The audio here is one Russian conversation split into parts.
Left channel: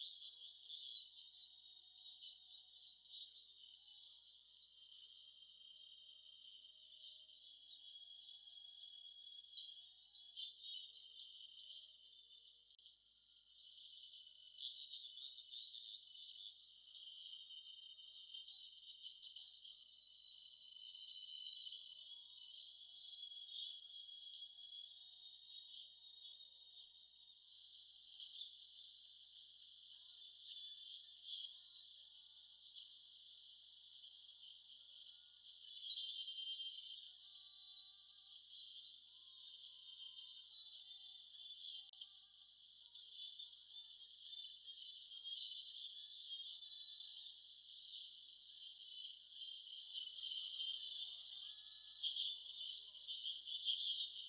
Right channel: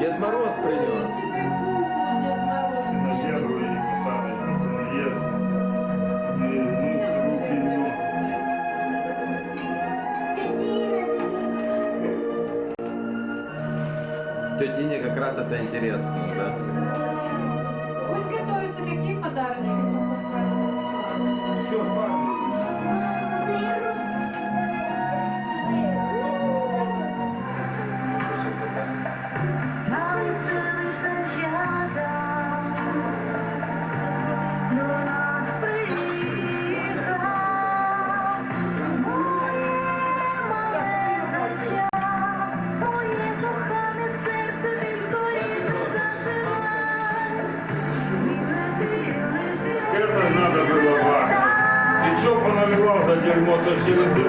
Дед Мороз принес. На зебру її посадить, пацани є. І гнуться руки і ноги. Тете Ине как раз это интересно, да? Gracias.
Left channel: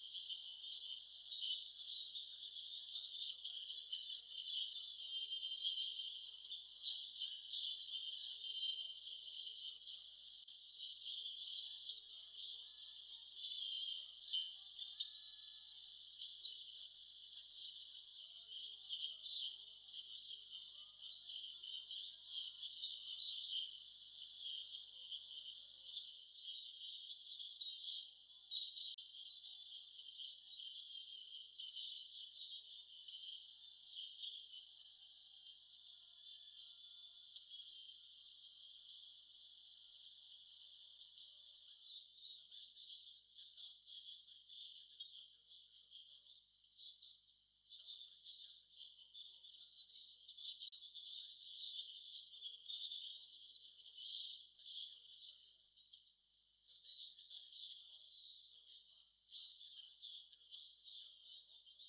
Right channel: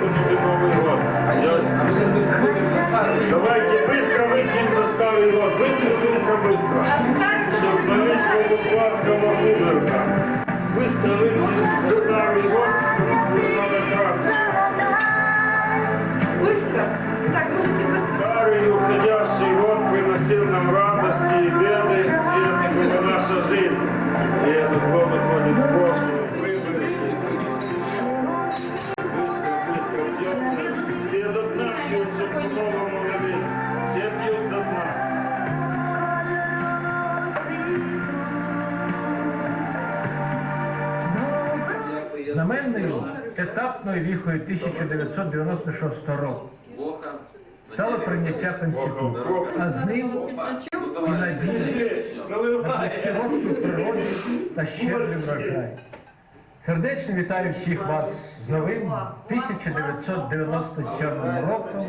Конституційною віхою 1996 року. Стало прийняття Конституції, а з ним і надії років природі та щедрий врожай. Сердечно вітаю всіх вас з новим 1997 роком.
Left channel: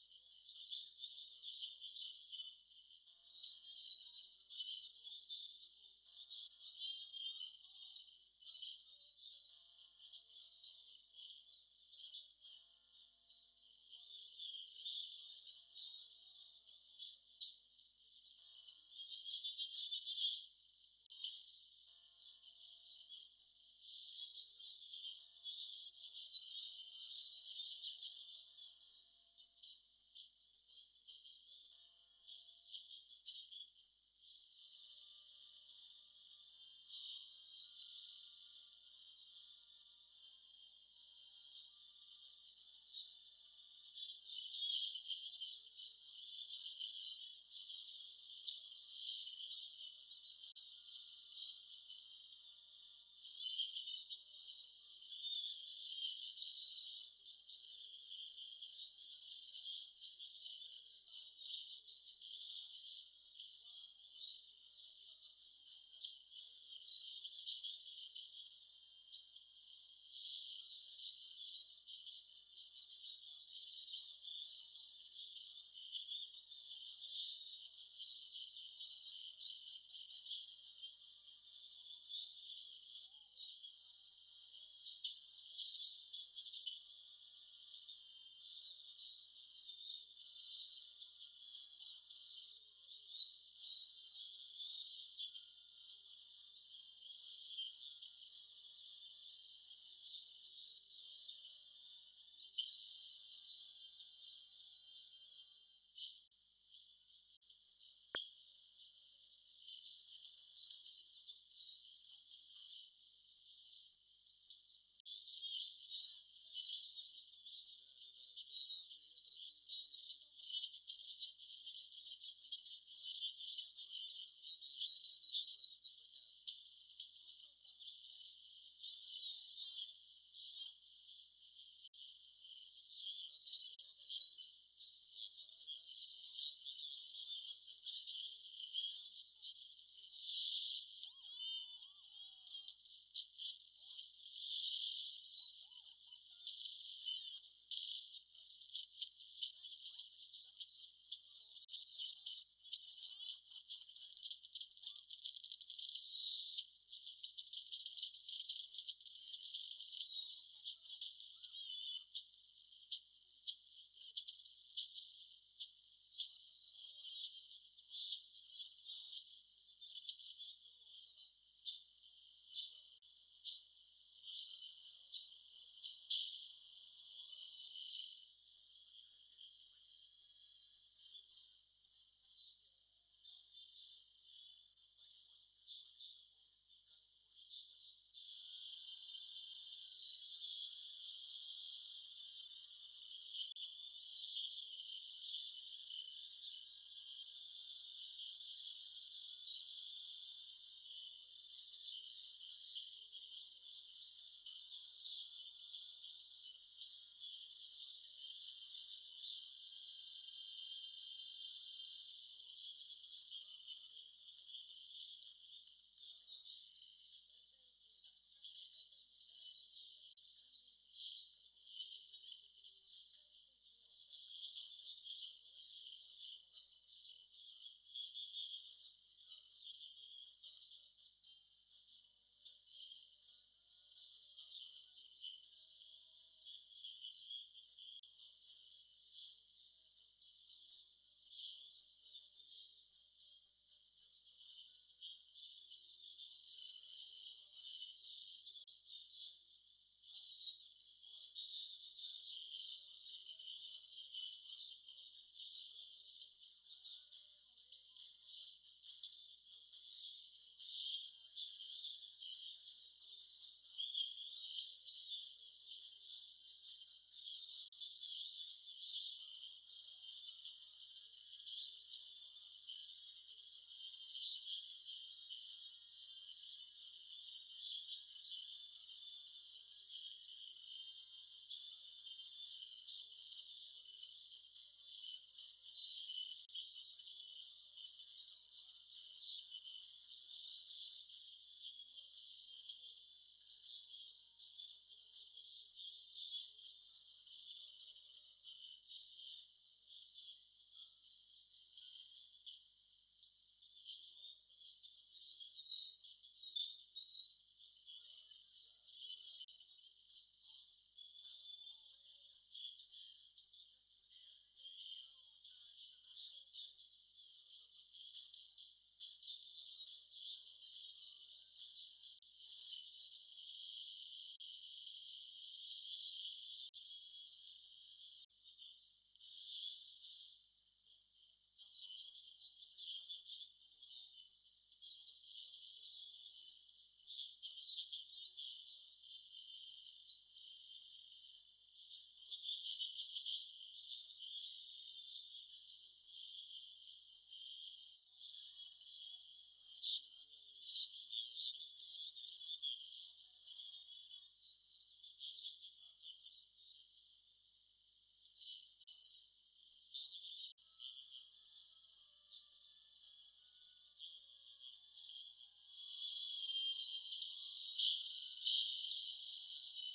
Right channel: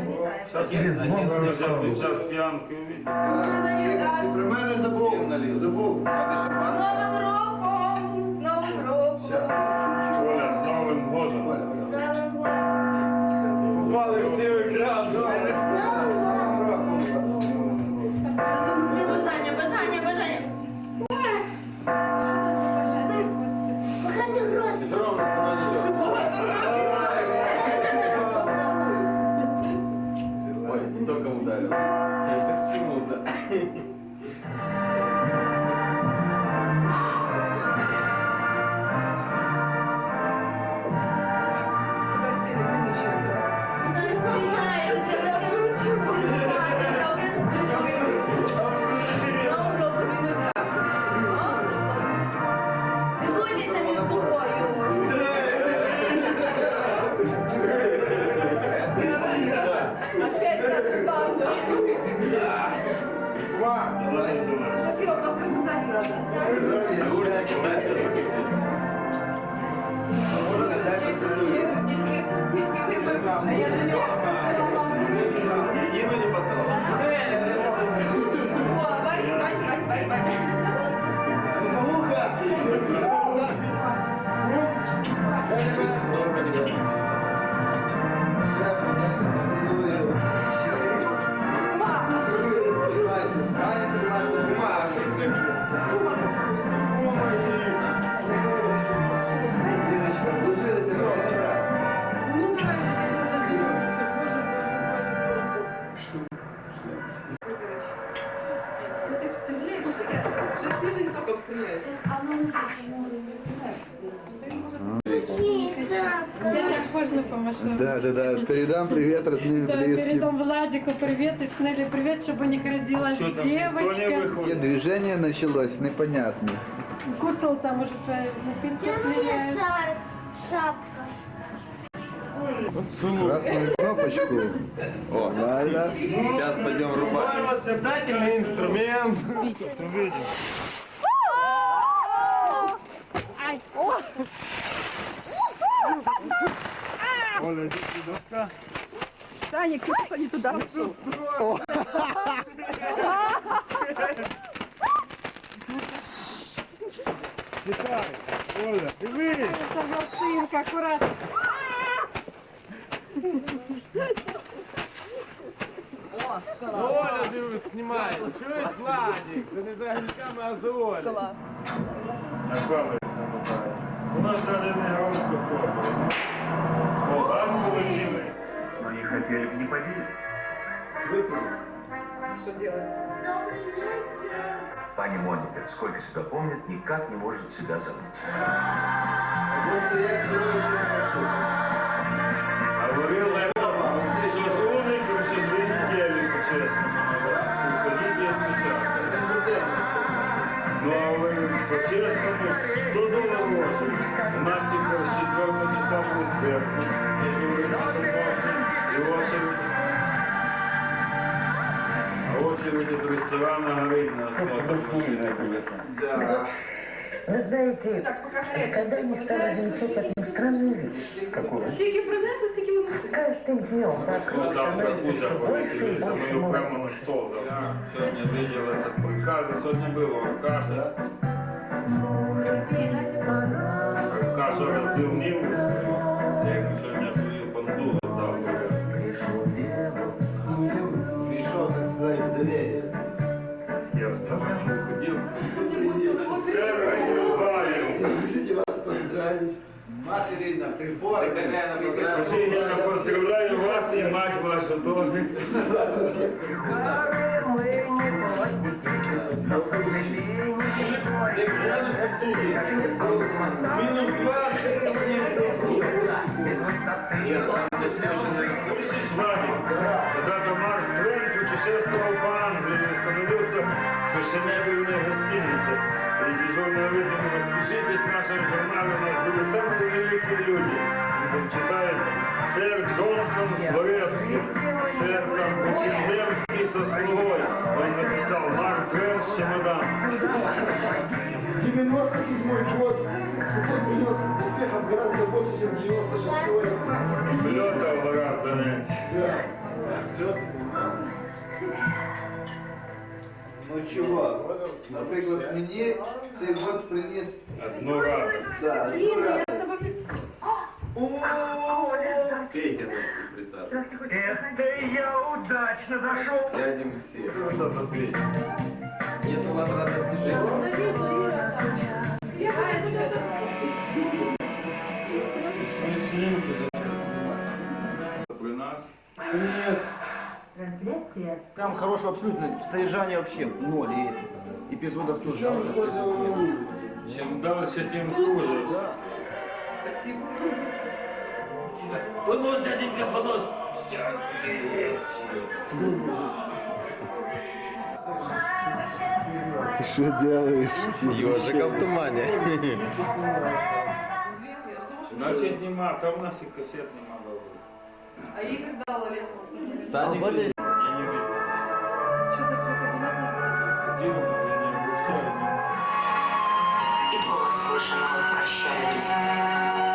При мене забув. З Новим роком! З Новим роком! Да, да, да. Передам привет родным и Да, близким. передам Владику привет и Снелли привет, чтобы у них родилась Что там, никто не девочка. Выходит? движение началось, непонятно. Куцел там уже свои напитки отмеряет. шапка. Красную кнопочку. О, Нормально. сейчас пойдем рубать. Воспитательный инструмент. Оля, сюда. Саня, кто не туда пошел? Читай. Оля, дивись. Сынка, аккуратно. Оля дивись, знімає. Чуєш, Владик? Ти не за грішками, а за Олю. На палець намотає. У нас навіть не громко хлопає. О, раз полетіли. Хотели бы не поделить. Выпили. что делать. Пани Моника, сколько себя помнит, никак не может себя забыть. Просто я прошу. Говорил что зоны, короче, две недели, по-честному, надо уходить и отмечаться. Ну, а вы по-честному, 100 долларов в очередь. У нас типа с 4 числа будет дежурный помощник, и очередь. Очередь от ресторана горит на осмотр машины. Да. Вы знаете, когда не стала замечать одну странную вещь. Какую? Принесли, стільки ми С каждым днем вокруг становится все больше и больше молодежи. сегодня видел этот приказ, сегодня было каша. Я поздравляю вас и мать вашу тоже. Минус 20. Больше с. Когда-то Марк путешествовал по Англии и становился фешенебельной. Дежурная выдвинула, спешитесь, в нашем журнале у нас были самые великие люди. И там читает сэр Джонсон с Дворецким, сэр там Букингемский со слугой. Он написал Марк Твен с чемоданом. 97 год. Он принес успехов гораздо больше, чем 96-й. Летал гораздо меньше. Ну чого? Наприклад, мені цей год приніс Одну радость. да, одну Інна, я радість. з тобою Пейте нам, присаживайтесь. Это я удачно зашел. Сядем все. Что за пить? Нет у вас радости жизни. Я пойду сюди. Смешинки зачем снимать? При нас? Трансляция. Прям хорошего абсолютно содержания вообще ноль и эпизодов тоже. Чем дальше, тем хуже. Спасибо. Понос, дяденька, понос. Ти що робиш? Ежика в тумане. Значит, нема, там у нас и кассет нема было. А Ігор дала Олегу. Сани Я не видел. Що ти свій кабінет не закрив? Хотел, но я не обращаю внимания. И голос слышен твой прощальный.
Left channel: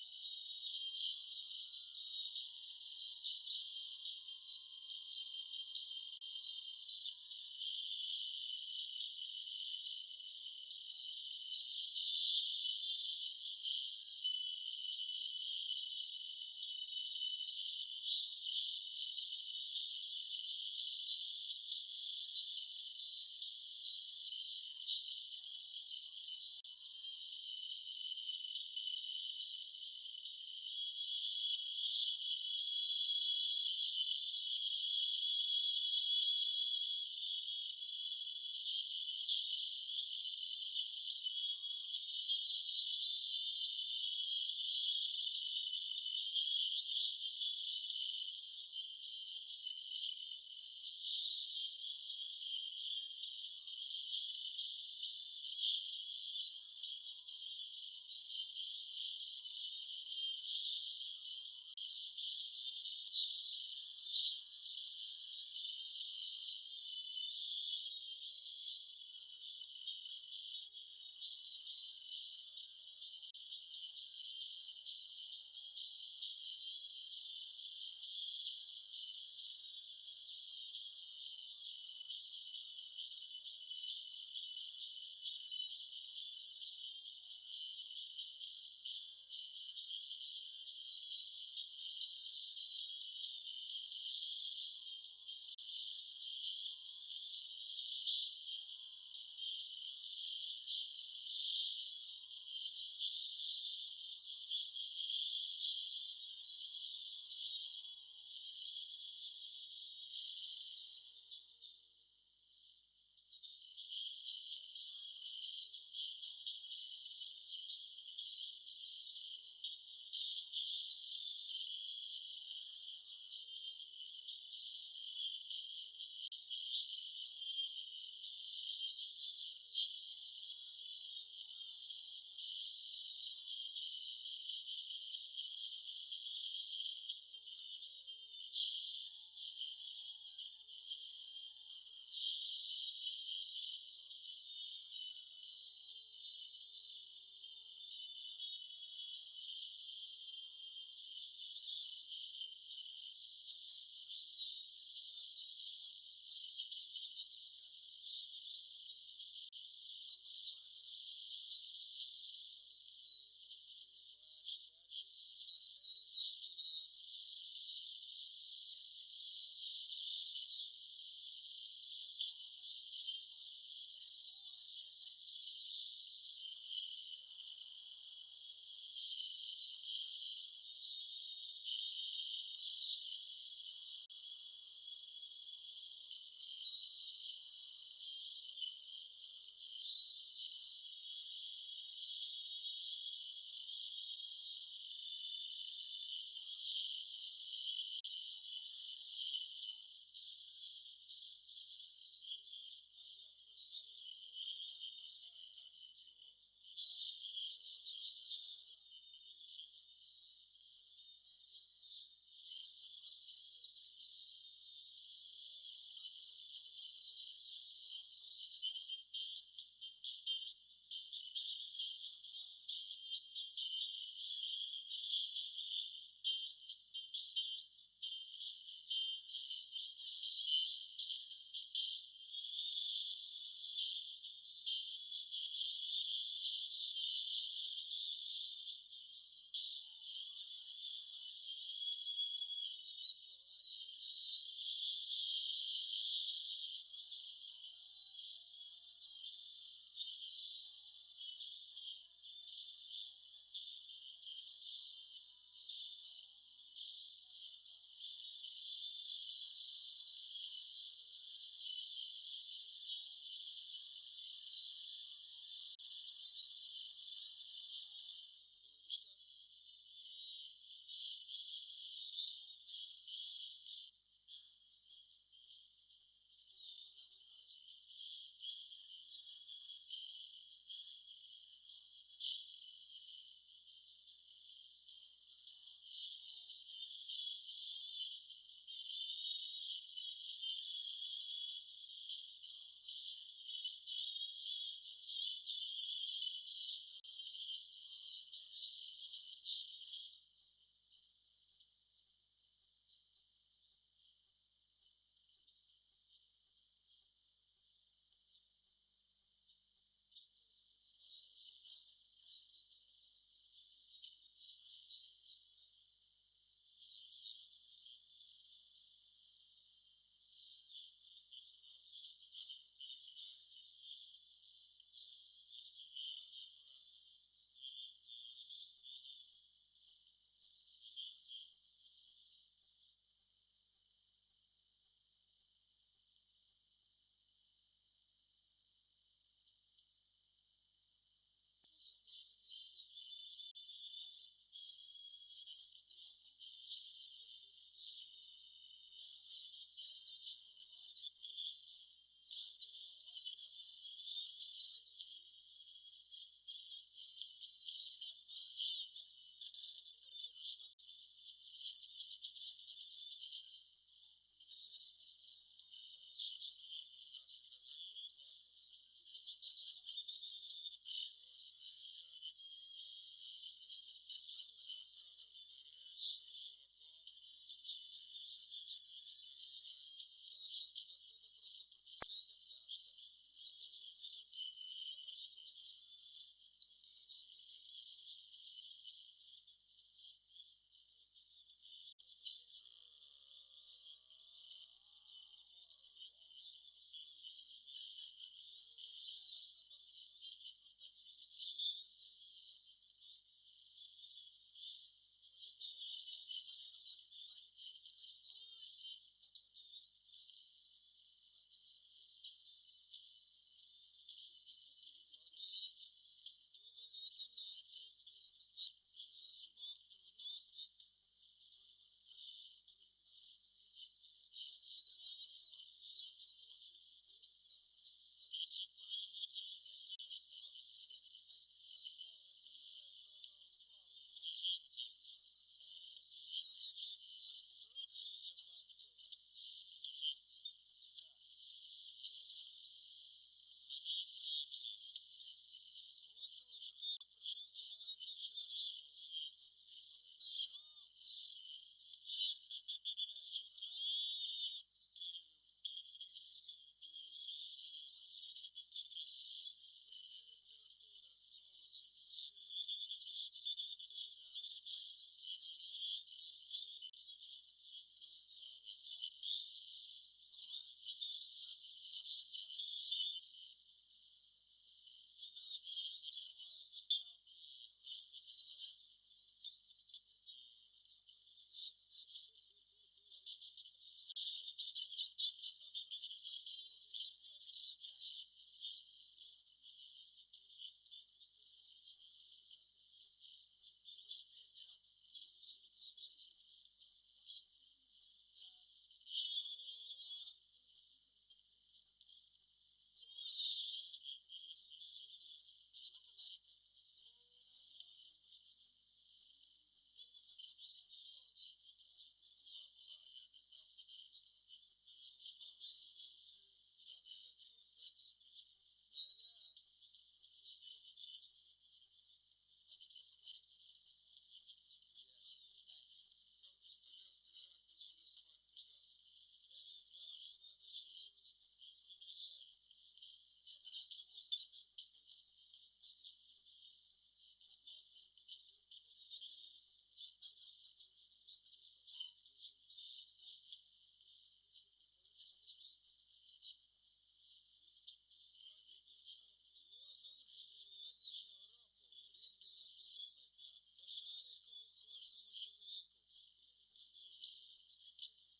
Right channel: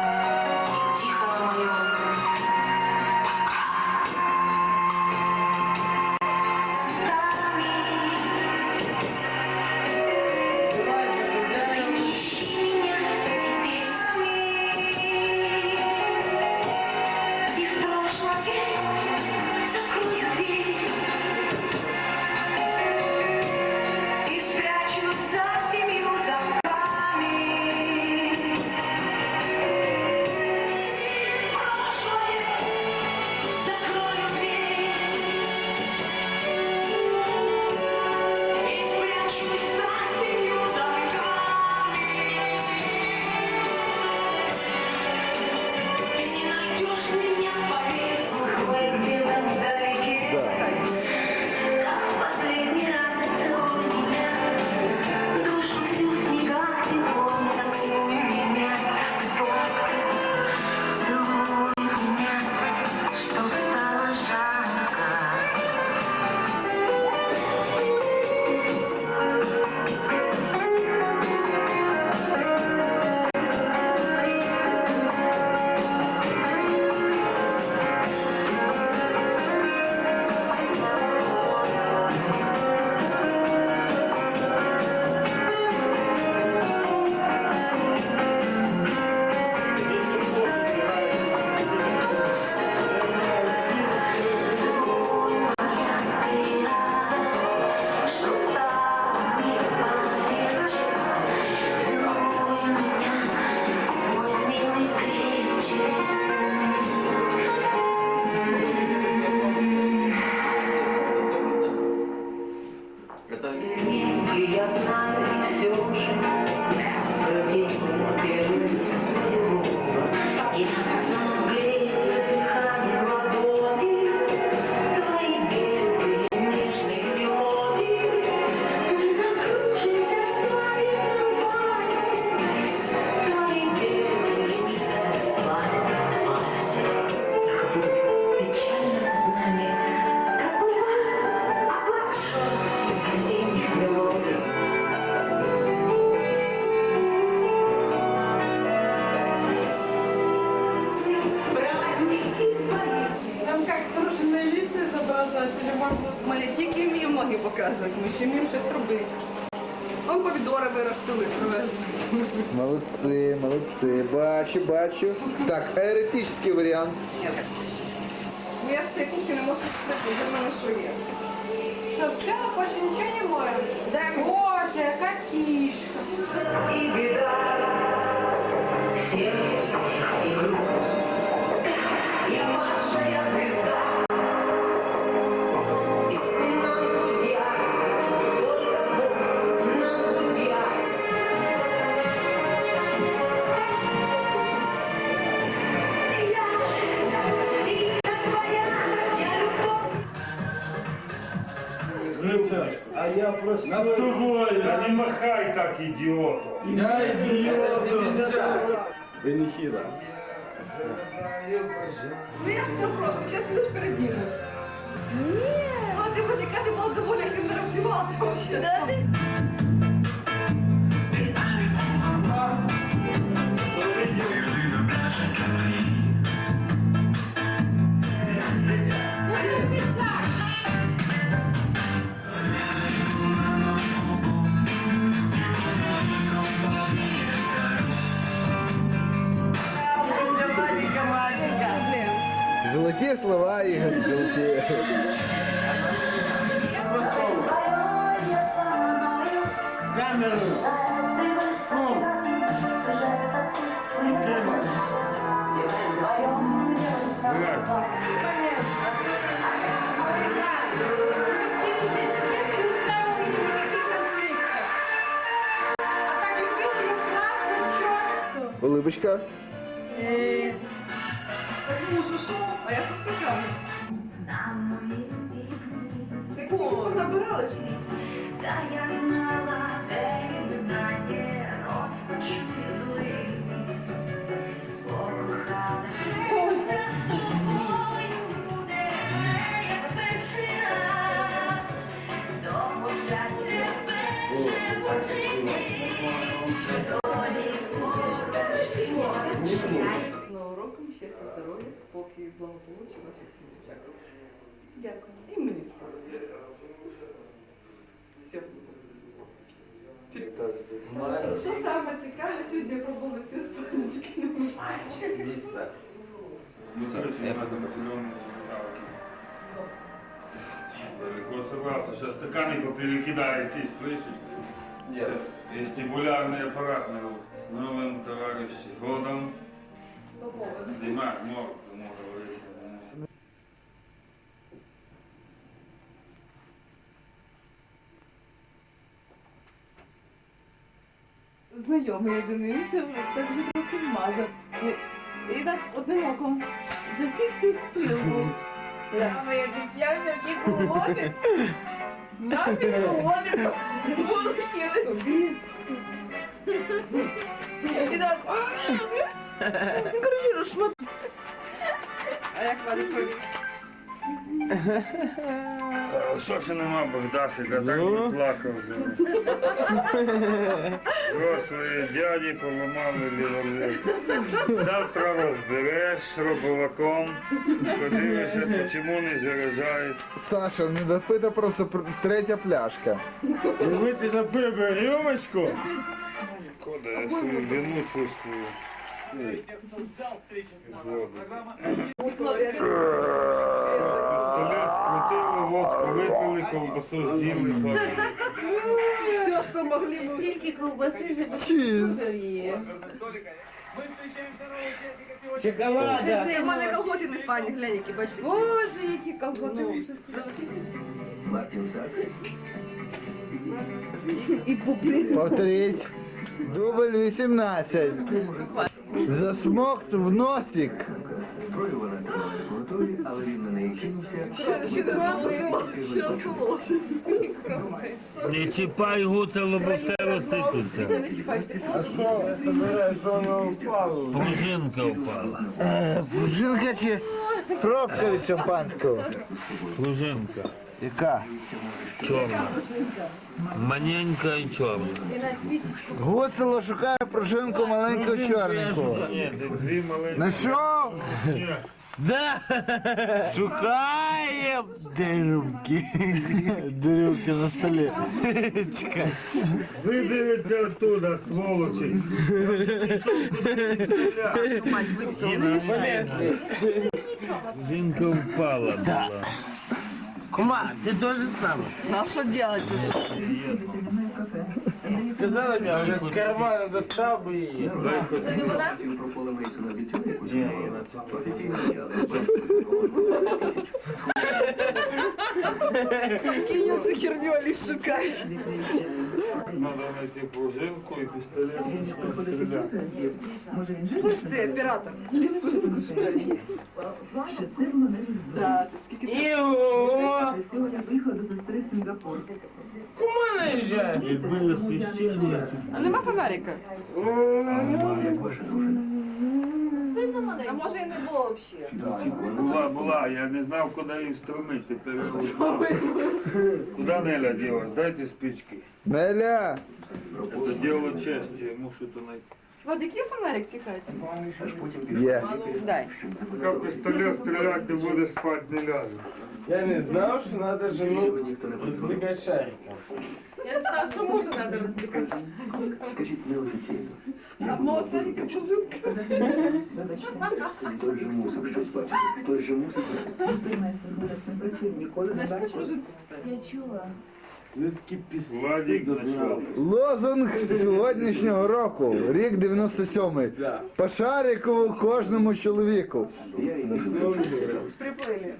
помідори виростили, привезли. Молодці, молодці. Бачу, бачу. Так, еретичний варіант. Ні. Ну я з цієї кухні не можу сказати, для мене що є. Что, все, больше ничего не моем? Да, боже, яка кишка. И беда в сердце А я просто... на тобою, не махай так, ідіоту. Я идиот. Венихира. Ну я ж тебе прошу, зараз будеш передінеш. Ні. А ти буде, яка ти була доволі, як ти мене роздівала взагалі. Золоті Улибочка. Так муж ушел, а я со стаканом. Дякую. І мені спокій. Все. Що, що саме цікаве, сьогодні я пробувала всі спальники на мистецтві. Далеко собрался. Сейчас стаканы поперекидаешь, ты слышишь? Нет. Вестибулярный аппарат на руку. С новым, товарищи, годом. До поводу. Димах, мог, Знайомий я дивився, так вже трохи вмазав. І, і так одним оком засік ту стрілку. Мама, я п'явся в ті полетіли. Тобі. І так, Ну, коротше, розшмат. А як вас провів? Що ж нема Богдасика, так би плакав. Взрослі дяді поламали ліволів. Завтра розбереш робоваком, подивишся, чому не заряджають. Саша, не допита просто пр- третя пляшка. Выпить на пиво рюмочку? Кода, я свою вину чувствую. Воду. Пистолет скрутили, водку випили, ковбасу з'їли, пали. Все, що могли ми. Стільки ковбаси вже Чіз. є. Чоколада. У мене колготи не файні, глянь, які бачите. Боже, які колготи. Ну, ужас. І бублі. Повторіть. Дубль 18. засмок в носик. Не чіпай гуцело, лобусево все розсипеться. А що, собираєш, що воно впало? Пружинка впала. Пружинка чи пробка від шампанського? Пружинка. Яка? чорна. Маленька і чорна. Гуцело шукає пружинку маленького чорненького. Ні, дві маленькі. На що? Да! Шукаем дерюмки. Дерюмки на столе. Чекай. Видивиться оттуда, сволочи. Жінка впала ну, була. Кума, ти теж з нами? Ну а что делать? Сказала мені, вже з кармана достав би її. Дай хоч Кинь эту херню, Алис, шукай. Надо знайти пружинку і пістолет. почнемо стріляти. Слышь ты, оператор, Алис, шукай. Да, це скільки Іо! Кума наїжджає? Освіщення, А нема фонарика? А може і не було взагалі? була, була, я не знав, куди її встромити. Тепер. Куди Неля ділась? Дайте спички. Неля! Це діло честі, я мушу то знайти. Владик, є фонарик тікати? Є. Дай. Поки пістолет стріляти не буде, спати не ляже. Я не знав, що треба жену роздвигати шариком. Я знаю, що мужа треба розбігати. А мого Саніка пружинка. Знаєш, не пружинку, кстати. Ви такі пісні. Владик знайшов. Лозунг сьогоднішнього року, рік 97-й. По шарику кожному чоловіку. Приплили.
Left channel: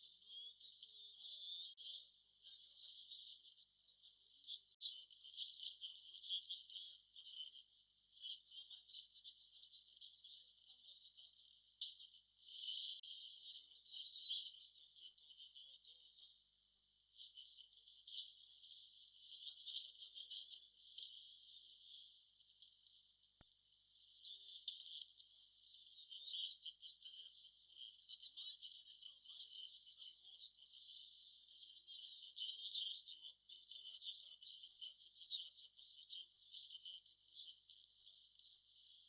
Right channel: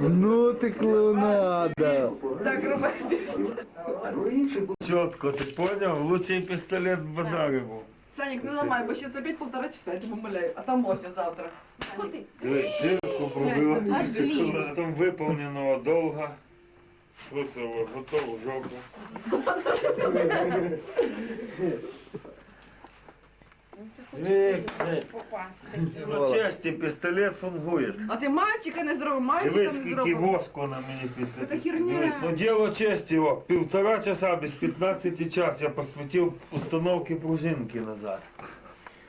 Ну ти клоунада. Так, рубай пісню. Чітко, ти поняв? Лучший пістолет в базарі був. Саник, не ламай, бо ще за опять полтора часа, я тебе умоляю. А там можна завтра. Диви, дирку пробила. Там виповненого долга. Оце о, готово жовто. Ви, ви. Ну честі, пістолет фунгує. А ти мальчика не зробив, мальчика Дивись, не скільки зробив. воску на мені після. Це херня. Диви, Ну діло честі, о, півтора часа без 15 час я посвятив установки пружинки назад.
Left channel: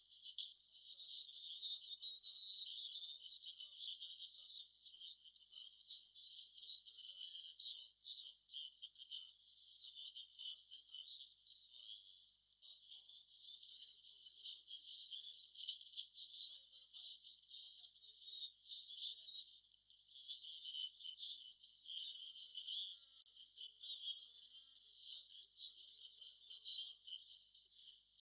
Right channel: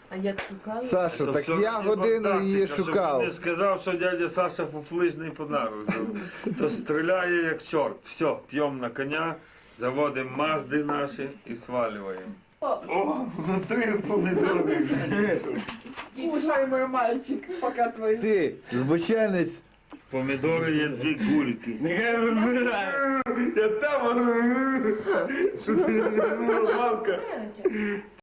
А як шукали? Саша, То так все я мені годину фантастика, її щоб шукав. Не сказав, що дядя Саша фуфлижний подарок зробив. То стріляє як чорт. Все, п'ємо на коня, заводимо мазди наші і свалюємо. О, внутри помідори. Кушай, мой мальчик, пока твої. Ти, збоченець. В помідори є дві гульки. Нехай вибирає. Я там. Що ти? Мамка.